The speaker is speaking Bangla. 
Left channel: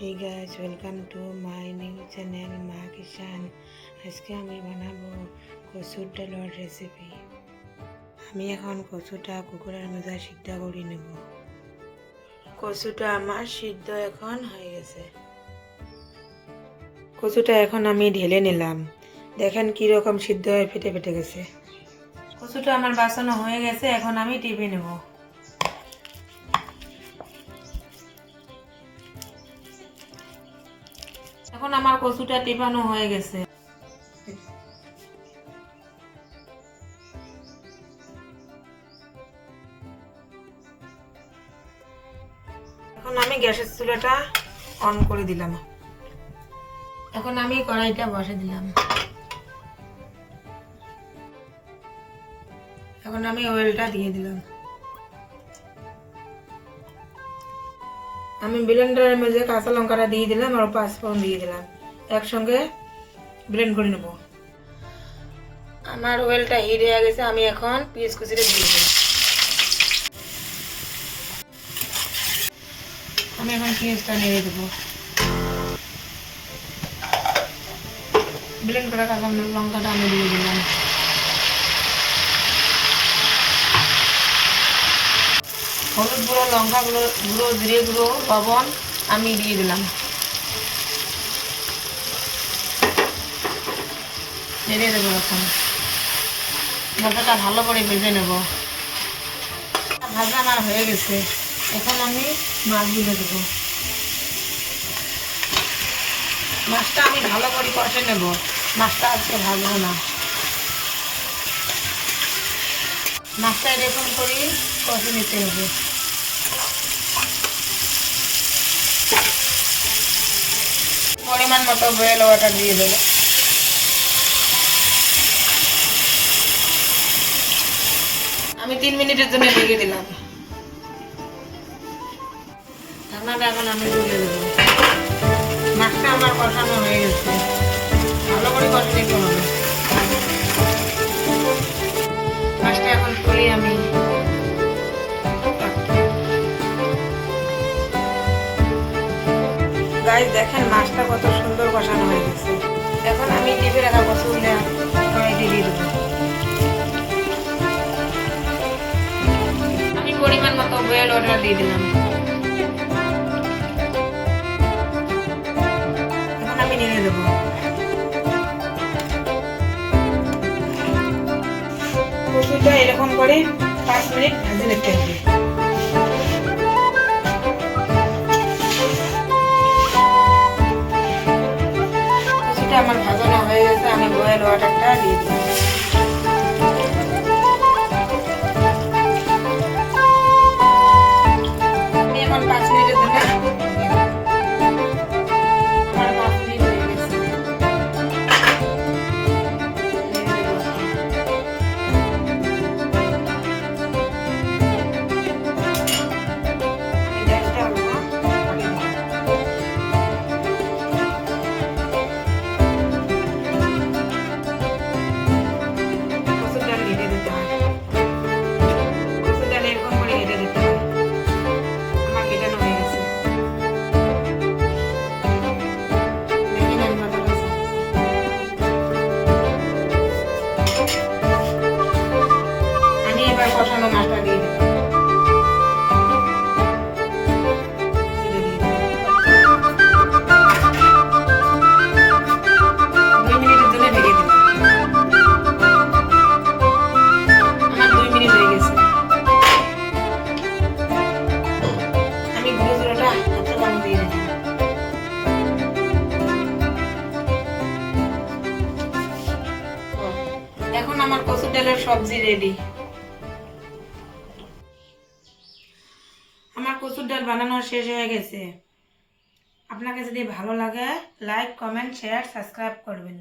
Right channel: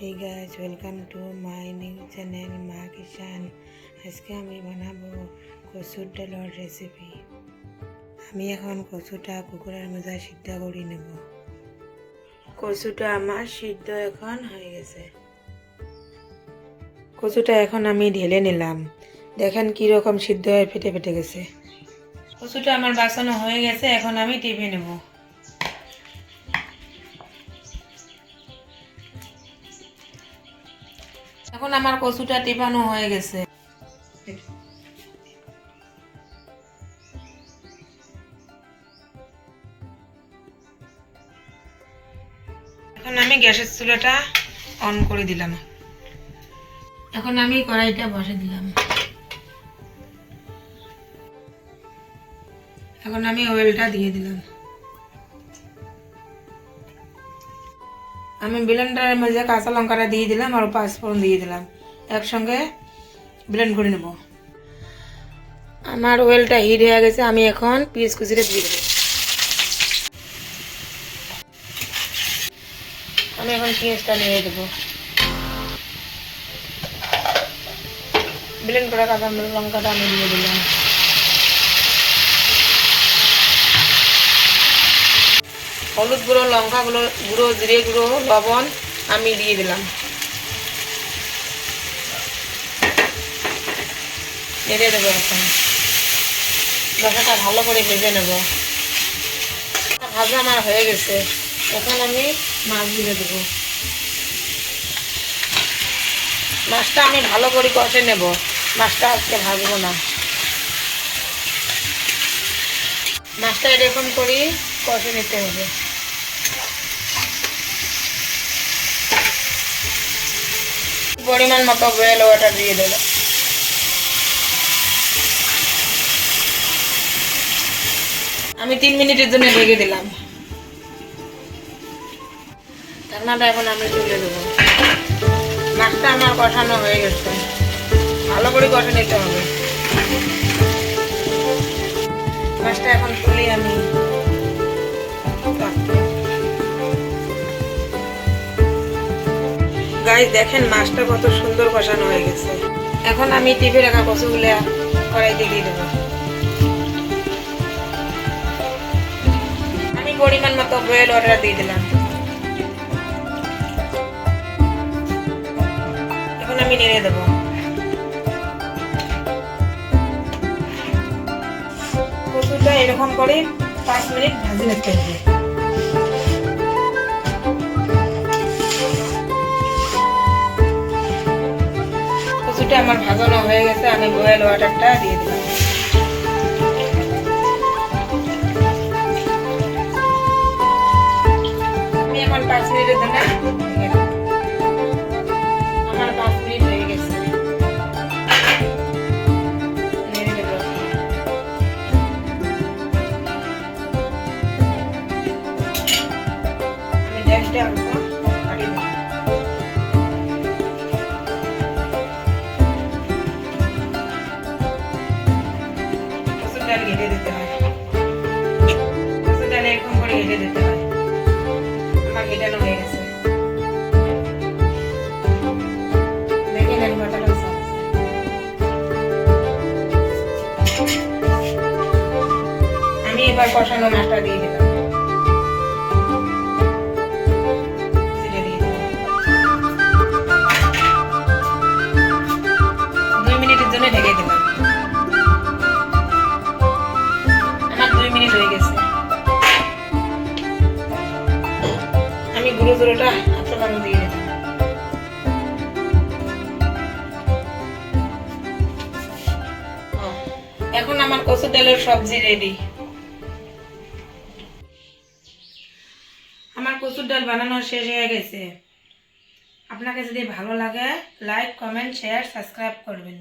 Hey guys, welcome to my new channel মা কিষান। আজকে আমি বানাবো কচুর ডালের রেসিপি। আমি এখন কচুটা কুকুরের মধ্যে সিদ্ধ করে নেব। কচুটা আমার সিদ্ধ এখন হয়ে গেছে। কচুটা এখন আমি ঢেলে নিলাম। দেখেন কিরকম সিদ্ধ হয়ে ফেটে ফেটে গেছে। কচুটা আমার বাছানো হয়ে গেছে, এখন আমি টিপে নেব। এখন আমার কচুটা টিপানো হয়ে গেছে। এখন আমি গ্যাসের চুলাটা অন করে দিলাম। এখন আমি কড়াইটা বসে দিলাম। এখন আমি অয়েলটা দিয়ে দিলাম। আমি ব্লেন্ডারের মধ্যে কাঁচা লঙ্কাটা দিয়ে দিলাম আর পাঁচফোড়ন দিয়ে দিলাম, একসঙ্গে ব্লেন্ড করে নেব। আমার অয়েলটা হিট হয়ে গেছে, আমি এখন পেঁয়াজ কুচিটা দিয়ে দেব। আমি এখন পেঁয়াজটা নিয়ে দেবো। ব্লেন্ড করা কাঁচা লঙ্কাটা আমি দিয়ে দিলাম। হলুদ গুঁড়ো, লঙ্কা গুঁড়ো, জিরে গুঁড়ো, লবণ আমি দিয়ে দিলাম। নেড়ে দেবো। এখন মশলাটা ভালো করে ভেজে নেব। ভাজা আমার হয়ে গেছে, এখন আমি মাছগুলো দেবো। মাছটা আমি ভালো করে কষে নেব, মাছটা আজকে ভাজবো না। মাছটা এরকম করে কষে নিতে হবে। পরিমাণ মতো বয়েল ওয়াটার দিয়ে দেবো। আমি 3 মিনিটের জন্য ঢেকে দিলাম। ঢাকনাটা এখন আমি তুলে দেবো। মাছটা আমার কষানো হয়ে গেছে, ভালো করে কষে নিতে হবে। মাছটা এখন তুলে আমি গাইস দেখেন মাছটা কত সুন্দর কষানো হয়ে গেছে। এখন আমি টিপে রাখা কচুগুলো কড়াইতে দিয়ে দেবো। আমি পরিমাণ মতো বয়েল ওয়াটার দিয়ে দিলাম। এখন আমি নেড়ে দেবো। কচুটা এরকম করে 5 মিনিট ভাজি নিতে হবে। কচুটা আমার ভাজানো হয়ে গেছে, আমি বয়েল ওয়াটারটা দিয়ে দিলাম। এখন 5 মিনিটের জন্য আমার 5 মিনিট হয়ে গেছে। কষানো মাছটা দিয়ে দিলাম। 2 মিনিটের জন্য ঢেকে দিলাম। আমার 2 মিনিট হয়ে গেছে। আমি গুঁড়ো জোড়াটা একটা পানি দিয়ে দিলাম। এখন আমার কচুর ডালের সবজি রেডি। আমার কচুর ডাল বানানো শেষ হয়ে গেছে। আপনাকে যদি ভালো লাগে লাইক, কমেন্ট, শেয়ার, সাবস্ক্রাইব করবেন।